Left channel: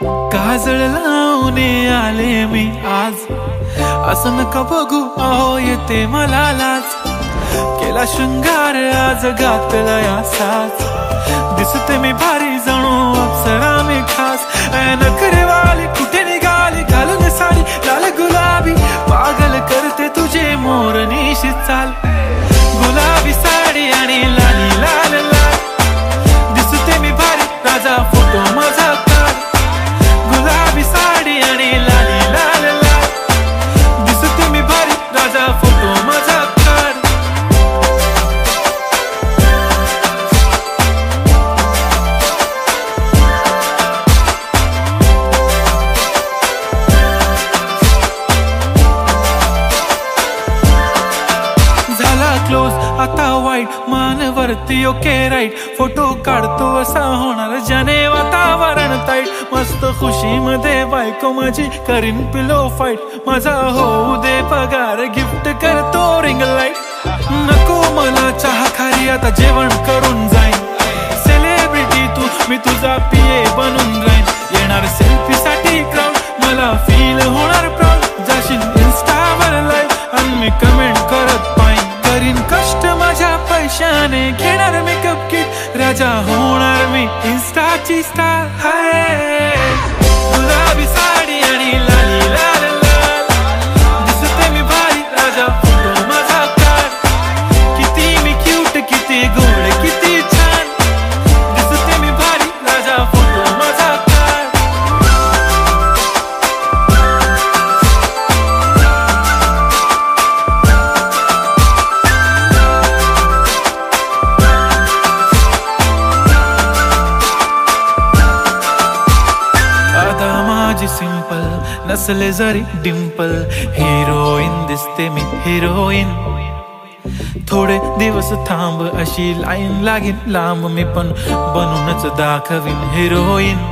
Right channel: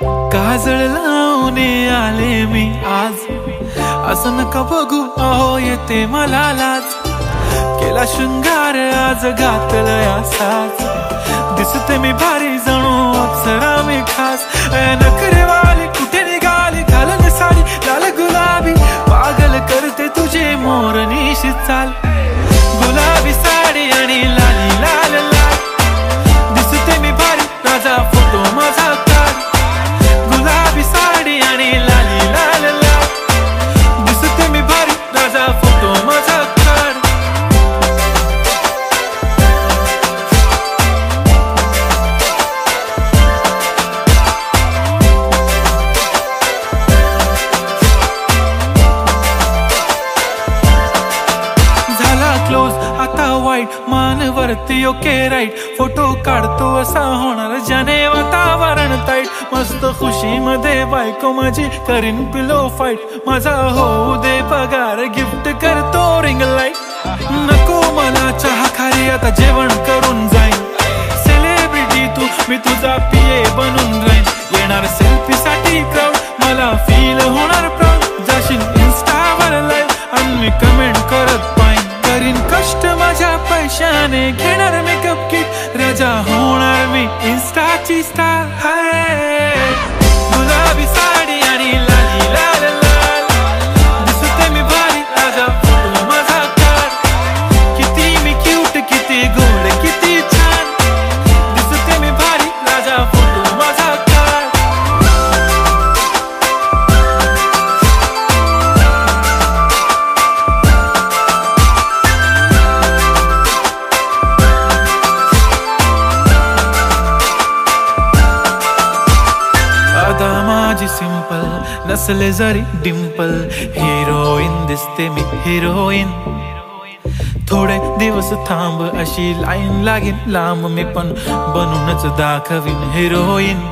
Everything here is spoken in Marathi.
काजळ लावून आले मी आज, असं नका बघू अहो येते मला लाज. केला शृंगार आज घातलं असाच, दिसते मी भारी जणू अप्सरा मी खास. नखरेवाली कुठे निघाली घालून साडी लाल गुलाबी, पागल करते तुझे मोरनीशी चाल. गुलाबी साडी आणि लाली लाल लाल, दिसते मी भारी राजा फोटो माझा काढ. गुलाबी साडी आणि लाली लाल लाल, दिसते मी भारी राजा फोटो माझा काढ. झाला क्लोज आता वाईट, मानवरती ओके राईट. फोटो काढतो असा होणार ज्याने वातावरण ताईट. मस्त खुशी मध्ये बायको माझी करीन पिलो फाईट. माझा होऊ दे पगार गिफ्ट करतो रिंग लाईट. नको मला चहा खारी आता जेवण करून जाईन. सेलिब्रिटी तू मी तुझा पिये बनून राहीन. येणार सेल्फी साठी क्राऊड मला फील होणार प्राऊड. जाशील इन्स्टावर लाईव्ह आणि मी कमेंट करत पाईन. करीन कष्ट माझ्या पैशाने घेणार मेकअप किट. राजा होणार मी इन्स्टाची स्टार. हाय गुलाबी साडी आणि लाली लाल लाल, दिसते मी भारी राजा फोटो माझा काढ. किती मी क्यूट किती गोड किती छान, दिसते मी भारी राजा फोटो माझा काढ. अदा माझी सिंपल नसले जरी डिंपल, हिरोईन दिसते मी हिरोईन. थोडे दिवस थांब अशी लाईन लागेल लांब, मी पण बनूनच दाखवीन हिरोईन.